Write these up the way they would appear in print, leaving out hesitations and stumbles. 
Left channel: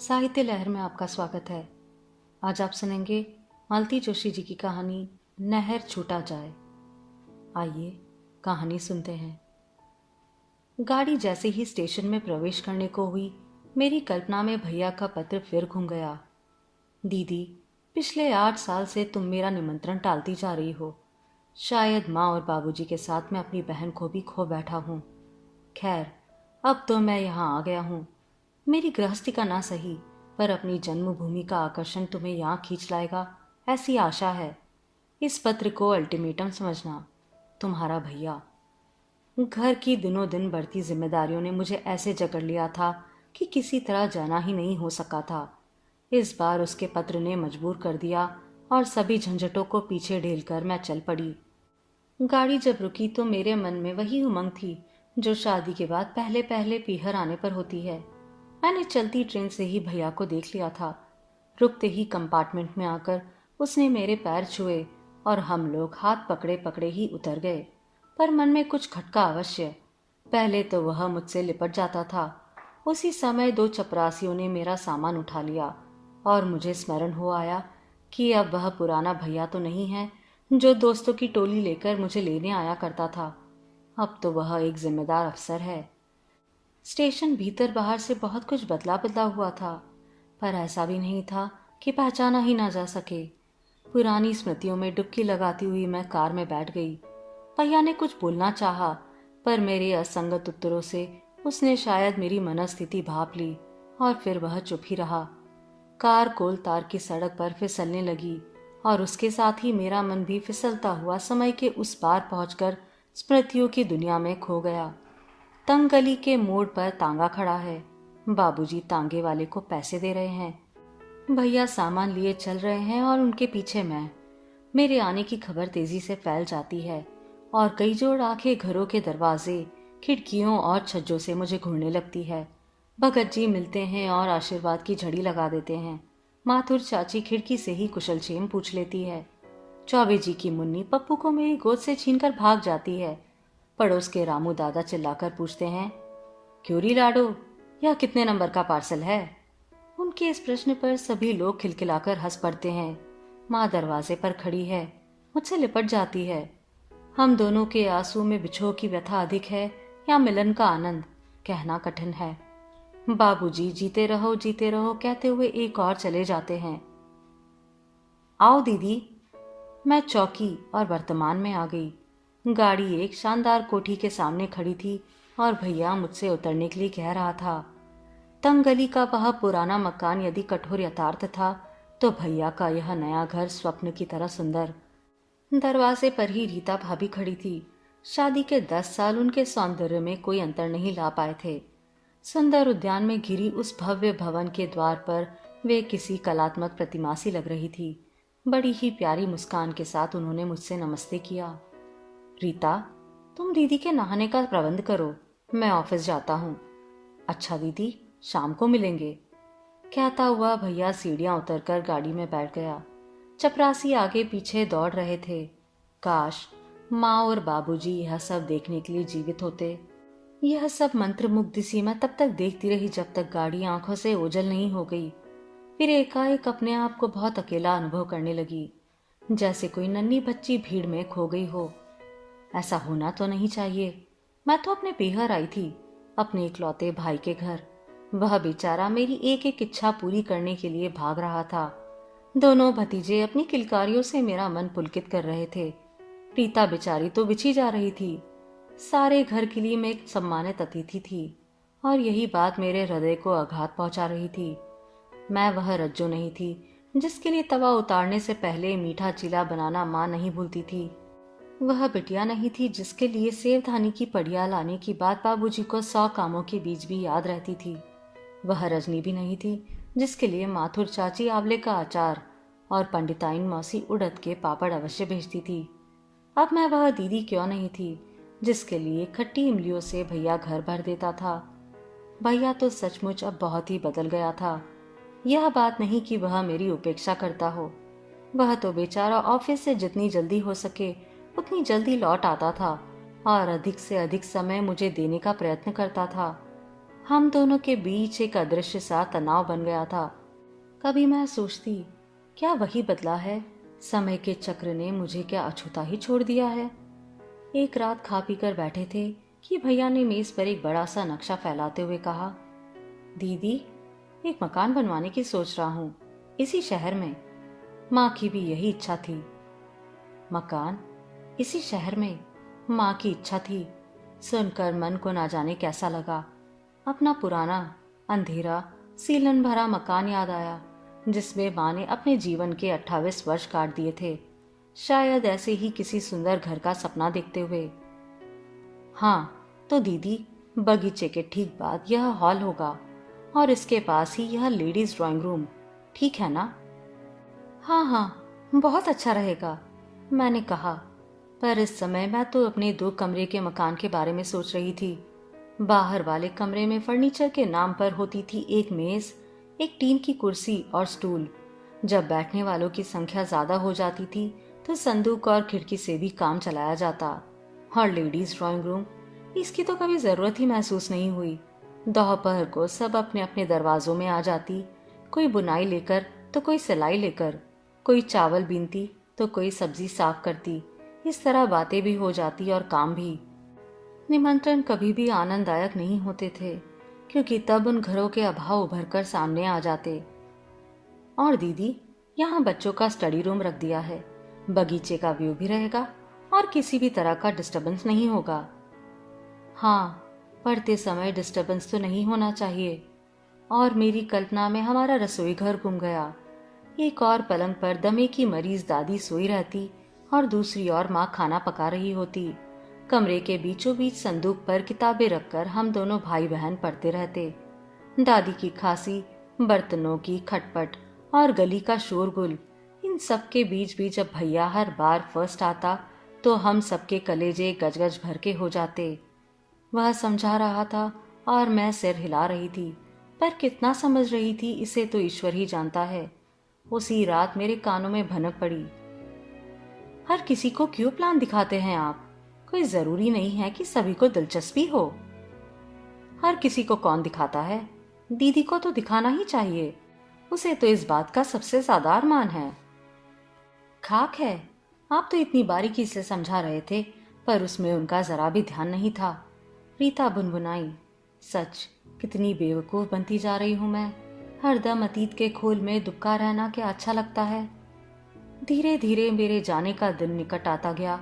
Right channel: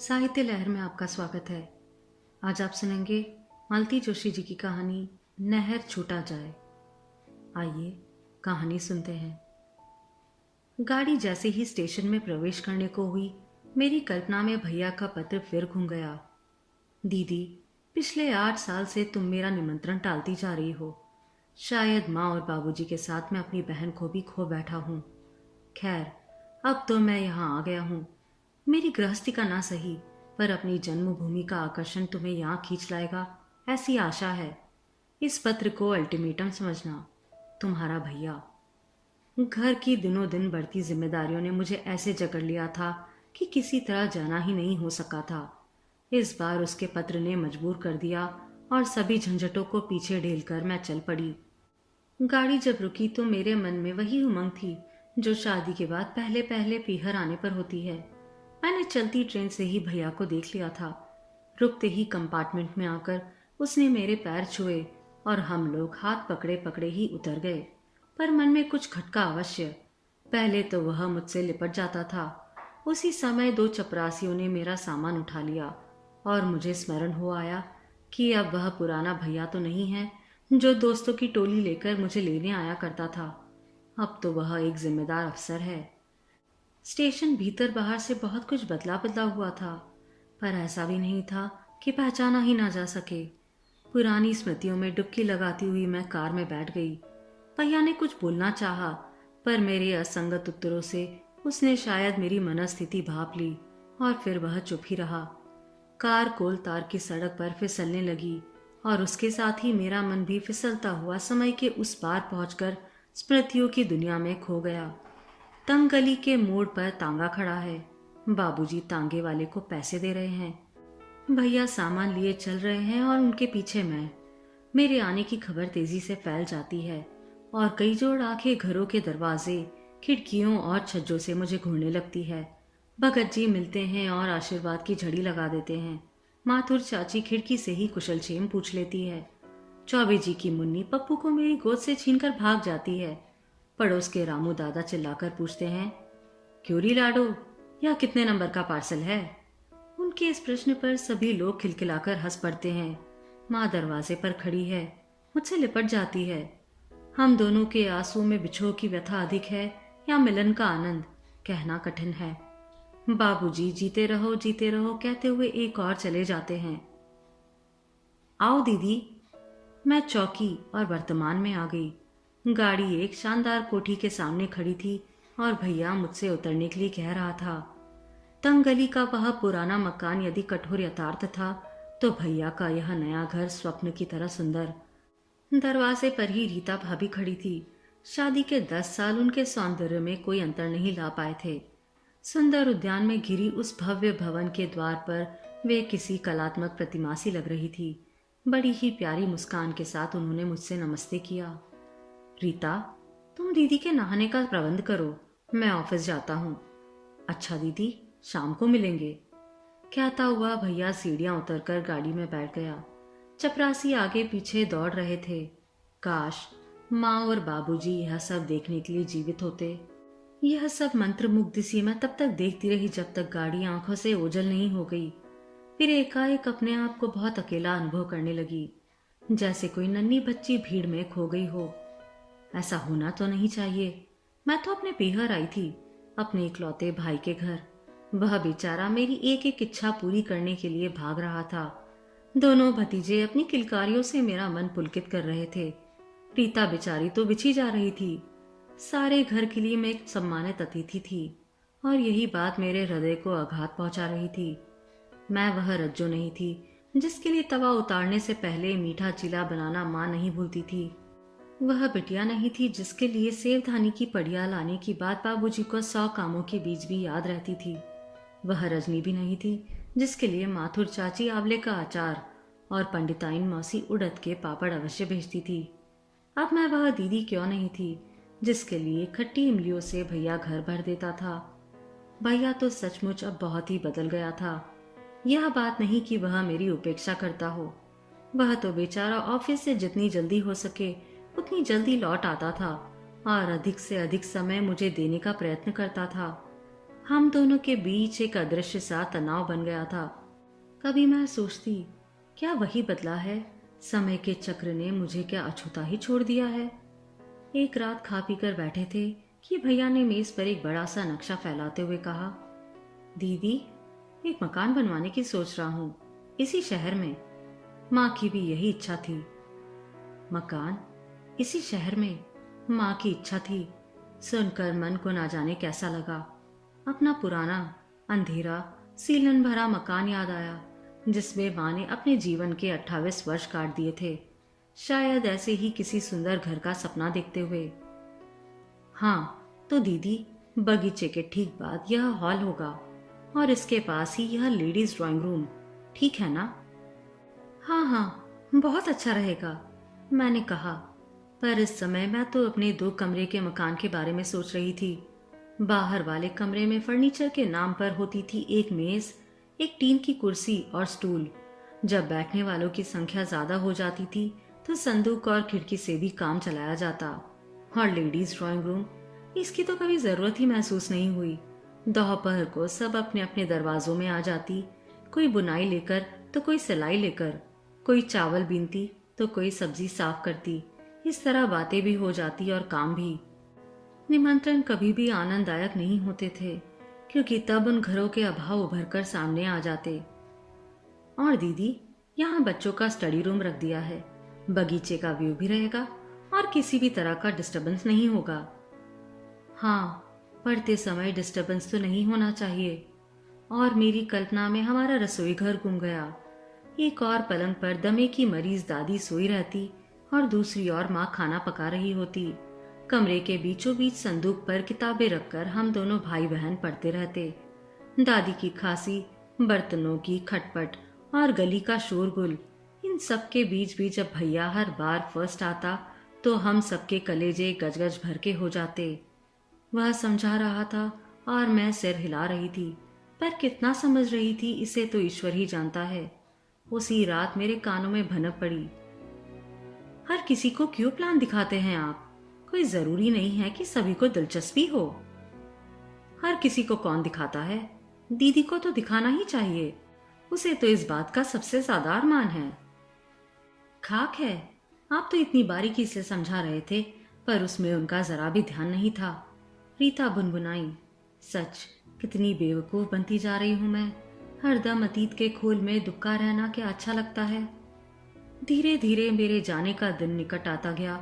साहित्य लहर में आपका स्वागत है। आज आप सुनेंगे मालती जोशी जी की कहानी नहर छूटा जाए। आइए कहानी सुनते हैं। गाड़ी जैसे ही स्टेशन में प्रवेश करने को हुई, मेरी कल्पना में भैया का पत्र फिर घूम गया। दीदी, पिछले 8 साल से तुम मेरा निमंत्रण टालती जा रही हो। शायद माँ और बाबूजी के साथ मैं अपनी बहन को भी खो बैठा हूँ। खैर, अब तो मैं यहाँ आ गया हूँ। मेरी गृहस्थी का ना सही, पर अपनी जन्मभूमि का आकर्षण तुम्हें यहाँ खींच लाएगा, ऐसी आशा है। इस पत्र को अल्टीमेटम समझना। तुम्हारा भैया। घर की दिनों दिन बढ़ती जिम्मेदारियों ने मुझे ऐसे जकड़ लिया था कि किसी तरह जाना ही नहीं हो सका था। इस बार उसके पत्र ने मजबूर कर दिया और सभी झंझटों को पीछे ढेलकर मैं चल पड़ी। गाड़ी जब रुकी तो मेरे मन में वही उमंग थी जो शादी के बाद पहले पहले पीहर आने पर होती है। मैंने चलती ट्रेन से ही भैया को देख लिया था। रुकते ही कंपार्टमेंट में आकर उसने मेरे पैर छुए और हम लोग हाथ पकड़े पकड़े ही उतर गए। पर मन में कुछ खटका अवश्य। पहले तो वह मुझसे लिपट जाता था। उसी समय 2 चपरासियों ने मेरा सामान उठा लिया और मुझे स्मरण हो आया कि अब वह पुराना भैया तो नहीं है जो दोस्तों की टोली लेकर मुझे लेने आया करता था। अब तो वह एक जिम्मेदार अफसर है। स्टेशन भीतर बाहर से बहुत कुछ बदला बदला हुआ था, पर ऐसा भी नहीं था कि पहचाना ही ना जा सके। पुरानी स्मृतियों में डुबकी लगाती हुई मैं कार में बैठ गई। भैया ने कुछ बोलना चाहा, पर मेरे असंगत उत्तरों से उसने शायद मेरी मनस्थिति भांप ली और फिर वह चुप ही रहा। कार कोल तार की सड़क पर फिसलने लगी और उसके साथ ही मेरा मन भी फिसलता हुआ समय के उस पार पहुंचकर स्मृतियों की दुनिया में खो गया। तंग गली के मोड़ पर तांगा खड़ा है। बाबूजी तांगे वाले को पैसे दे रहे हैं। भैया सामान लिए चल रहे हैं और उनके पीछे मैं। मेरे आने की खबर तेजी से फैल जाती है और कई जोड़ आंखें घरों के दरवाजे, खिड़कियों और छज्जों से मुझे घूरने लगती है। भगत जी मिलते हैं और आशीर्वाद की झड़ी लगा देते हैं। माथुर चाची खिड़की से ही कुशलक्षेम पूछ लेती है। चौबे जी की मुन्नी पप्पू को मेरी गोद से छीनकर भाग जाती है। पड़ोस के रामू दादा चिल्लाकर पूछते हैं, क्यों री लाडो, यह कितने नंबर का पार्सल है? उनके इस प्रश्न पर सभी लोग खिलखिलाकर हंस पड़ते हैं। माँ दरवाजे पर खड़ी है, मुझसे लिपट जाती है। हम दोनों के आंसू में बिछोह की व्यथा अधिक है या मिलन का आनंद, कहना कठिन है। बाबूजी जीते रहो कहते हुए एक और चले जाते हैं। आओ दीदी। मैं चौकी और वर्तमान में आ गई। गाड़ी एक शानदार कोठी के सामने खड़ी थी और भैया मुझसे उतरने के लिए कह रहा था। तंग गली का वह पुराना मकान यदि कठोर यथार्थ था, तो भैया का यह नया घर स्वप्न की तरह सुंदर। दरवाजे पर ही रीता भाभी खड़ी थी। शादी के 10 साल उनके सौंदर्य में कोई अंतर नहीं ला पाए थे। सुंदर उद्यान में घिरी उस भव्य भवन के द्वार पर वे किसी कलात्मक प्रतिमा सी लग रही थी। बड़ी ही प्यारी मुस्कान के साथ उन्होंने मुझसे नमस्ते किया। रीता, तुम दीदी के नहाने का प्रबंध करो, मैं ऑफिस जाता हूँ। अच्छा दीदी, शाम को मिलेंगे, कहता हुआ भैया सीढ़ियां उतरकर गाड़ी में बैठ गया। चपरासी आगे पीछे दौड़ रहे थे। काश माँ और बाबूजी यह सब देखने के लिए जीवित होते। यह सब मंत्रमुग्ध सी मैं तब तक देखती रही जब तक गाड़ी आंखों से ओझल नहीं हो गई। फिर एकाएक अपने आप को बहुत अकेला अनुभव करने लगी, जैसे कोई नन्ही बच्ची भीड़ में खो गई हो। ऐसा होना तो नहीं चाहिए। मैं तो अपने पीहर आई थी, अपने इकलौते भाई के घर। वह बेचारा मेरी एक एक इच्छा पूरी करने के लिए भाग रहा था। दोनों भतीजे अपनी किलकारियों से मेरा मन पुलकित कर रहे थे। रीता बेचारी तो बिछी जा रही थी। सारे घर के लिए मैं एक सम्मानित अतिथि थी और यही बात मेरे हृदय को आघात पहुंचा रही थी। मैं वह रज्जो नहीं थी जिसके लिए तवा उतारने से पहले मीठा चीला बनाना माँ नहीं भूलती थी। वह बिटिया नहीं थी जिसके लिए सेवधानी की पड़िया लाने की बात बाबूजी को 100 कामों के बीच भी याद रहती थी। वह रजनी भी नहीं थी जिसके लिए माथुर चाची आंवले का अचार और पंडिताइन मौसी उड़द के पापड़ अवश्य भेजती थी। अब मैं वह दीदी क्यों नहीं थी जिसके लिए खट्टी इमलियों से भैया घर भर देता था। भैया तो सचमुच अब बहुत ही बदल गया था। यह बात नहीं कि वह मेरी उपेक्षा करता हो। वह तो बेचारा ऑफिस से जितनी जल्दी हो सके उतनी जल्दी लौट आता था और अधिक से अधिक समय मुझे देने का प्रयत्न करता था। हम दोनों के बीच एक अदृश्य सा तनाव बन गया था। कभी मैं सोचती, क्या वही बदला है? समय के चक्र ने मुझे क्या अछूता ही छोड़ दिया है? एक रात खा पी कर बैठे थे कि भैया ने मेज पर एक बड़ा सा नक्शा फैलाते हुए कहा, दीदी, एक मकान बनवाने की सोच रहा हूँ, इसी शहर में। माँ की भी यही इच्छा थी। मकान इसी शहर में? माँ की इच्छा थी। सुनकर मन को ना जाने कैसा लगा। अपना पुराना अंधेरा सीलन भरा मकान याद आया, जिसमें माँ ने अपने जीवन के 28 वर्ष काट दिए थे, शायद ऐसे ही किसी सुंदर घर का सपना देखते हुए। हाँ तो दीदी, बगीचे के ठीक बाद यह हॉल होगा और इसके पास ही यह लेडीज ड्राइंग रूम, ठीक है ना? हाँ हाँ, बहुत अच्छा रहेगा, मैंने कहा। पर इस समय मैं तो अपने 2 कमरे के मकान के बारे में सोच रही थी। बाहर वाले कमरे में फर्नीचर के नाम पर होती थी एक मेज, एक टीन की कुर्सी और स्टूल। जब बैठने वालों की संख्या ज्यादा हो जाती थी तो संदूक और खिड़की से भी काम चलाया जाता। और लेडीज ड्राइंग रूम, इसकी तो कभी जरूरत ही महसूस नहीं हुई। दोपहर को सब अपने अपने दरवाजों में आ जाती, कोई बुनाई लेकर तो कोई सिलाई लेकर, कोई चावल बीनती तो कोई सब्जी साफ करती। इस तरह बातें भी हो जाती और काम भी। निमंत्रण कभी भी आनंददायक नहीं होते थे, क्योंकि तब उन घरों के अभाव उभर कर सामने आ जाते। और दीदी, यहाँ बच्चों का स्टडी रूम रख दिया है, बगीचे का व्यू भी रहेगा और किसी भी तरह का डिस्टरबेंस नहीं होगा। हाँ, पढ़ते समय डिस्टरबेंस तो नहीं होना चाहिए। और मेरी कल्पना में हमारा रसोई घर गुम गया। एक और पलंग पर दमे की मरीज दादी सोई रहती और दूसरी ओर माँ खाना पका रही होती। कमरे के बीचों बीच संदूक पर किताबें रखकर हम दोनों भाई बहन पढ़ते रहते। दादी की खांसी, बर्तनों की खटपट और गली का शोरगुल, इन सब के बीच भी जब भैया हर बार फर्स्ट आता तो हम सबके कलेजे गजगज भर के हो जाते। वह समझा रहा था और मैं सिर हिला रही थी, पर कितना समझ रही थी इसे तो ईश्वर ही जानता है। उसी रात मेरे कानों में भनक पड़ी, हर किसी को क्यों प्लान दिखाते हैं आप? कोई जरूरी नहीं है कि सभी को दिलचस्पी हो। हर किसी को कौन दिखाता है? दीदी को तो दिखाना ही चाहिए, उसे तो इस बात का सबसे ज्यादा अरमान है। खाक है, आप तो इतनी बारीकी से समझा रहे थे, पर उसमें उनका जरा भी ध्यान नहीं था। रीता बुनबुनाई, सच कितनी बेवकूफ बनती जा रही हूं मैं। हरदम अतीत के खोल में दुबका रहना क्या अच्छा लगता है। धीरे धीरे मेरे जाने का दिन निकट आता गया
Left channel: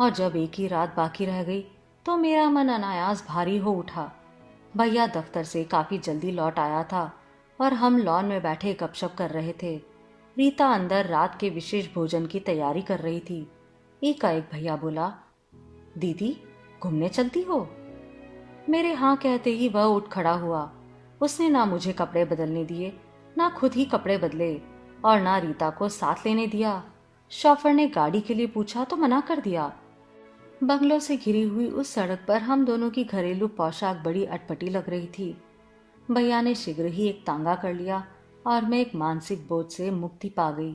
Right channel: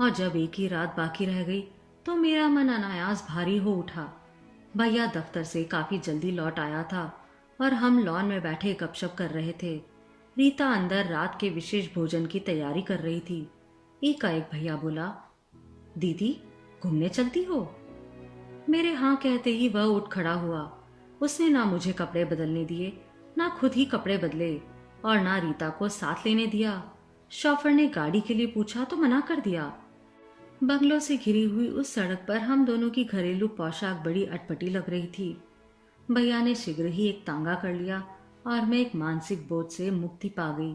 और जब एक ही रात बाकी रह गई तो मेरा मन अनायास भारी हो उठा। भैया दफ्तर से काफी जल्दी लौट आया था और हम लॉन में बैठे गपशप कर रहे थे। रीता अंदर रात के विशेष भोजन की तैयारी कर रही थी। एकाएक भैया बोला, दीदी, घूमने चलती हो? मेरे हाँ कहते ही वह उठ खड़ा हुआ। उसने ना मुझे कपड़े बदलने दिए, ना खुद ही कपड़े बदले और ना रीता को साथ लेने दिया। शॉफर ने गाड़ी के लिए पूछा तो मना कर दिया। बंगलों से घिरी हुई उस सड़क पर हम दोनों की घरेलू पोशाक बड़ी अटपटी लग रही थी। भैया ने शीघ्र ही एक तांगा कर लिया और मैं एक मानसिक बोझ से मुक्ति पा गई।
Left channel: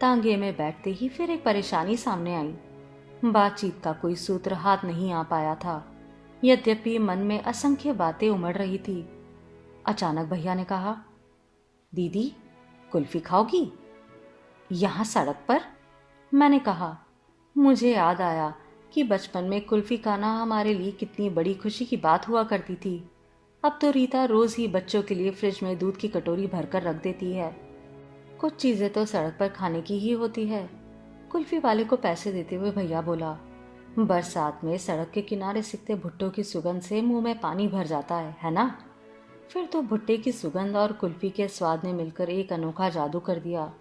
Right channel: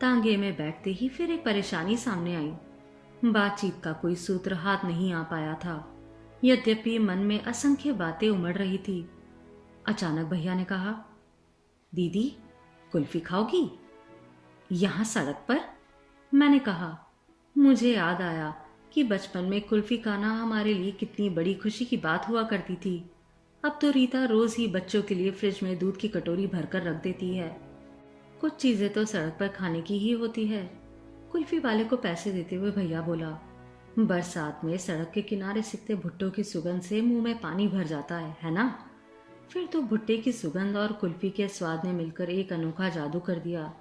तांगे में बैठते ही फिर एक परेशानी सामने आई। बातचीत का कोई सूत्र हाथ नहीं आ पाया था, यद्यपि मन में असंख्य बातें उमड़ रही थी। अचानक भैया ने कहा, दीदी, कुल्फी खाओगी? यहाँ सड़क पर? मैंने कहा। मुझे याद आया कि बचपन में कुल्फी खाना हमारे लिए कितनी बड़ी खुशी की बात हुआ करती थी। अब तो रीता रोज ही बच्चों के लिए फ्रिज में दूध की कटोरी भरकर रख देती है। कुछ चीजें तो सड़क पर खाने की ही होती है। कुल्फी वाले को पैसे देते हुए भैया बोला, बरसात में सड़क के किनारे सिकते भुट्टो की सुगंध से मुंह में पानी भर जाता है ना? फिर तो भुट्टे की सुगंध और कुल्फी के स्वाद ने मिलकर एक अनोखा जादू कर दिया।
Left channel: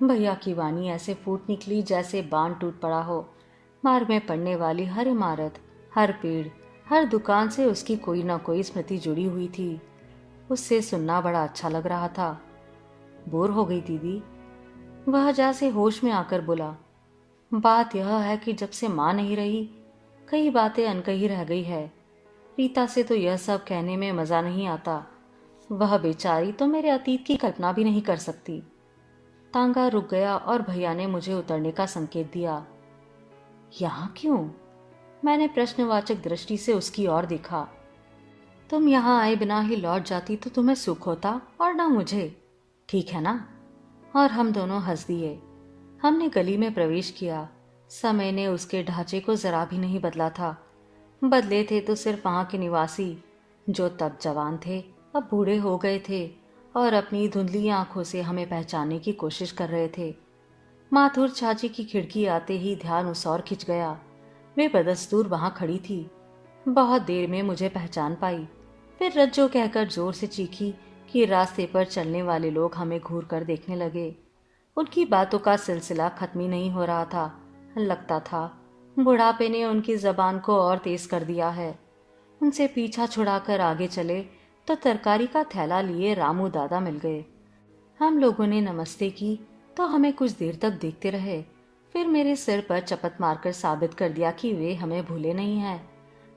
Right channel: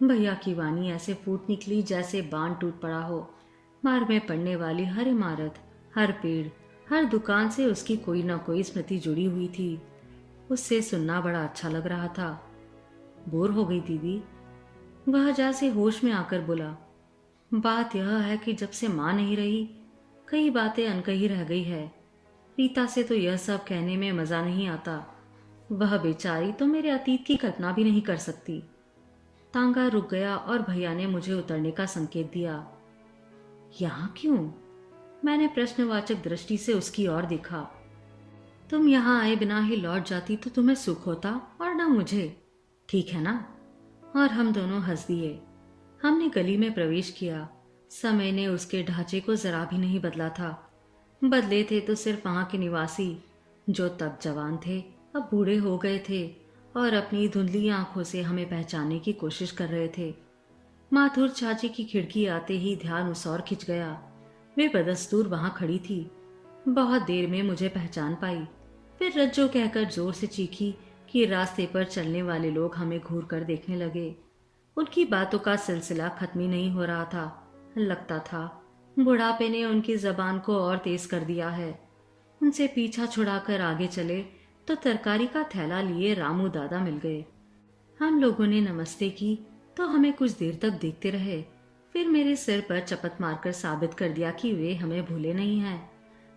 भैया की वाणी ऐसे फूट निकली जैसे बांध टूट पड़ा हो। मार्ग में पड़ने वाली हर इमारत, हर पेड़, हर दुकान से उसकी कोई ना कोई स्मृति जुड़ी हुई थी। उससे सुनना बड़ा अच्छा लग रहा था। बोर हो गई दीदी? वह जैसे होश में आकर बोला, बात यह है कि जब से माँ नहीं रही, कई बातें अनकही रह गई है। रीता से तो यह सब कहने में मजा नहीं आता। वह बेचारी तो मेरे अतीत की कल्पना भी नहीं कर सकती। तांगा रुक गया और भैया ने मुझे उतरने का संकेत दिया। यहाँ क्यों? मैंने प्रश्नवाचक दृष्टि से उसकी ओर देखा। तुम यहाँ आए बिना ही लौट जाती तो तुम्हें सुख होता और ना मुझे, ठीक है ना? और हम दोनों हंस दिए। हमने गली में प्रवेश किया। समय ने उसके ढांचे को जरा भी नहीं बदला था। बदले थे तो सिर्फ वहाँ के निवासी, जो तब जवान थे अब बूढ़े हो गए थे और अपनी धुंधली आंखों से हमें पहचानने की कोशिश कर रहे थे। माथुर चाची की खिड़की आते ही ध्यान उस ओर खिंच गया। वे बदस्तूर वहां खड़ी थी। बहुत देर में मुझे पहचान पाई। फिर रज्जो कहकर जोर से चीखी कि रास्ते पर चलने वाले लोग हमें घूर कर देखने लगे। उनकी बातों का सिलसिला खत्म ही नहीं हो रहा था। लगता था बुढ़ापे ने उनकी जबान को और तेज कर दिया है। उनसे पीछा छुड़ाकर आगे चले तो तरकारी का थैला लिए रामू दादा मिल गए। हम लोगों ने नमस्ते की तो हमें कुछ देर तक देखते रहे। फिर मेरे सिर पर चपत मारकर साबित कर दिया कि वे हमें भूले नहीं हैं।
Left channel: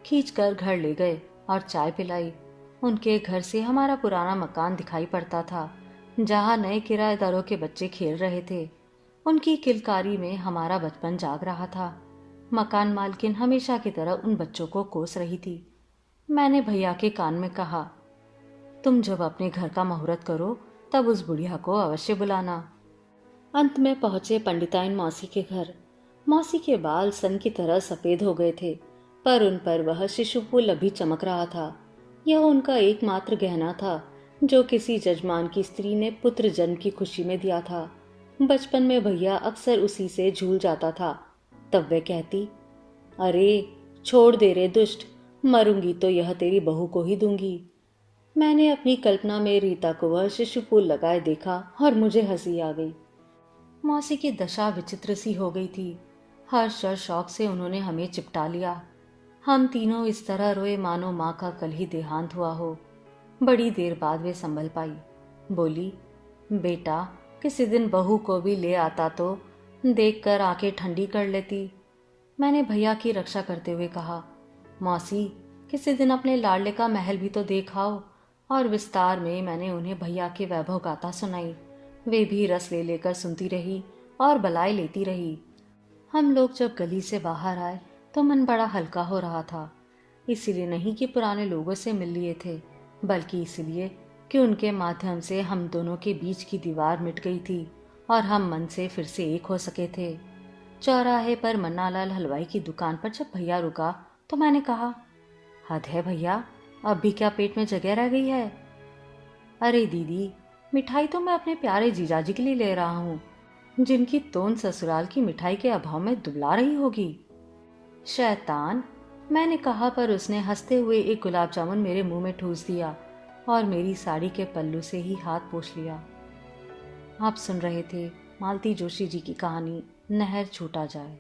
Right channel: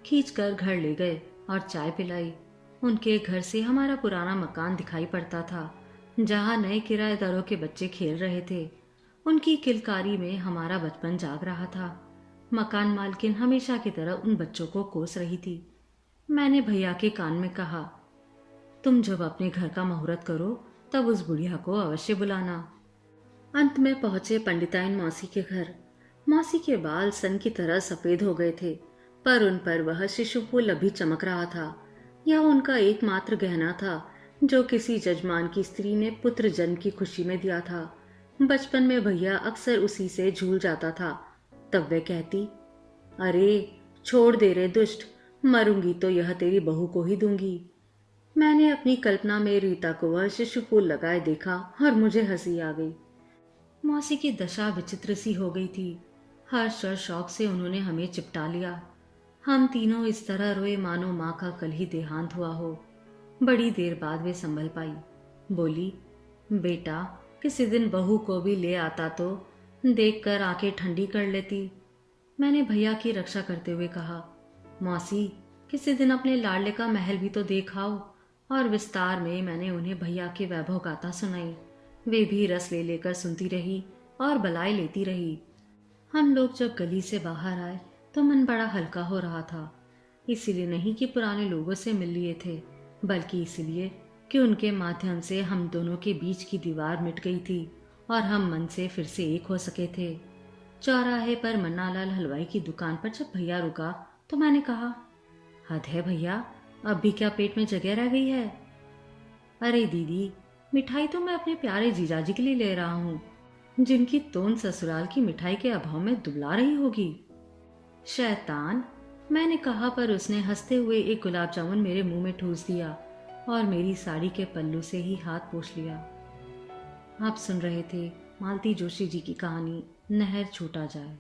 खींचकर घर ले गए और चाय पिलाई। उनके घर से हमारा पुराना मकान दिखाई पड़ता था, जहाँ नए किराएदारों के बच्चे खेल रहे थे। उनकी किलकारी में हमारा बचपन जाग रहा था। मकान मालकिन हमेशा की तरह उन बच्चों को कोस रही थी। मैंने भैया के कान में कहा, तुम जब अपने घर का मुहूर्त करो तब उस बुढ़िया को अवश्य बुलाना। अंत में पहुंचे पंडिताइन मौसी के घर। मौसी के बाल सन की तरह सफेद हो गए थे, पर उन पर वह शिशु फूल अभी चमक रहा था। यह उनका एकमात्र गहना था जो किसी जजमान की स्त्री ने पुत्र जन्म की खुशी में दिया था। बचपन में भैया अक्सर उसी से झूल जाता था। तब वे कहती, अरे छोड़ दे रे दुष्ट, मरूंगी तो यह तेरी बहू को ही दूंगी। मैंने अपनी कल्पना में रीता को वह शिशु फूल लगाए देखा और मुझे हंसी आ गई। मौसी की दशा विचित्र सी हो गई थी। हर्ष और शौक से उन्होंने हमें चिपटा लिया। हम तीनों इस तरह रोए मानो माँ का कल ही देहांत हुआ हो। बड़ी देर बाद वे संभल पाई। बोली, बेटा किसी दिन बहू को भी ले आता तो देखकर आंखें ठंडी कर लेती। मैंने भैया की रक्षा करते हुए कहा, मौसी किसी दिन अपने लाडले का महल भी तो देखाओ। और विस्तार में मैंने उन्हें भैया के वैभव गाथा सुनाई। वे भी रस ले लेकर सुनती रही और बलाए लेती रही। हम लोग जब गली से बाहर आए तो मन बड़ा हल्का हो रहा था। इसलिए नहीं कि पुराने लोगों से मिल लिए थे, बल्कि इसलिए कि उनके माध्यम से हम दोनों के बीच की दीवार मिट गई थी और हम मन से फिर से एक हो सके थे। चौराहे पर मन्नालाल हलवाई की दुकान पर जब भैया रुका तो मैंने कहा, हद है भैया, अब भी क्या पेट में जगह रह गई है? अरे दीदी, मिठाई तो मैं अपने प्यारे जीजाजी के लिए ले रहा हूँ, जिनकी तोन ससुराल की मिठाई के अभाव में दुबला रही होगी। शैतान, मैंने कहा, पर उसने हंसते हुए एक गुलाब जामुन मेरे मुंह में ठूस दिया और मेरी साड़ी के पल्लू से ही हाथ पोंछ लिया। आप सुन रहे थे मालती जोशी जी की कहानी नहर छूटा जाए।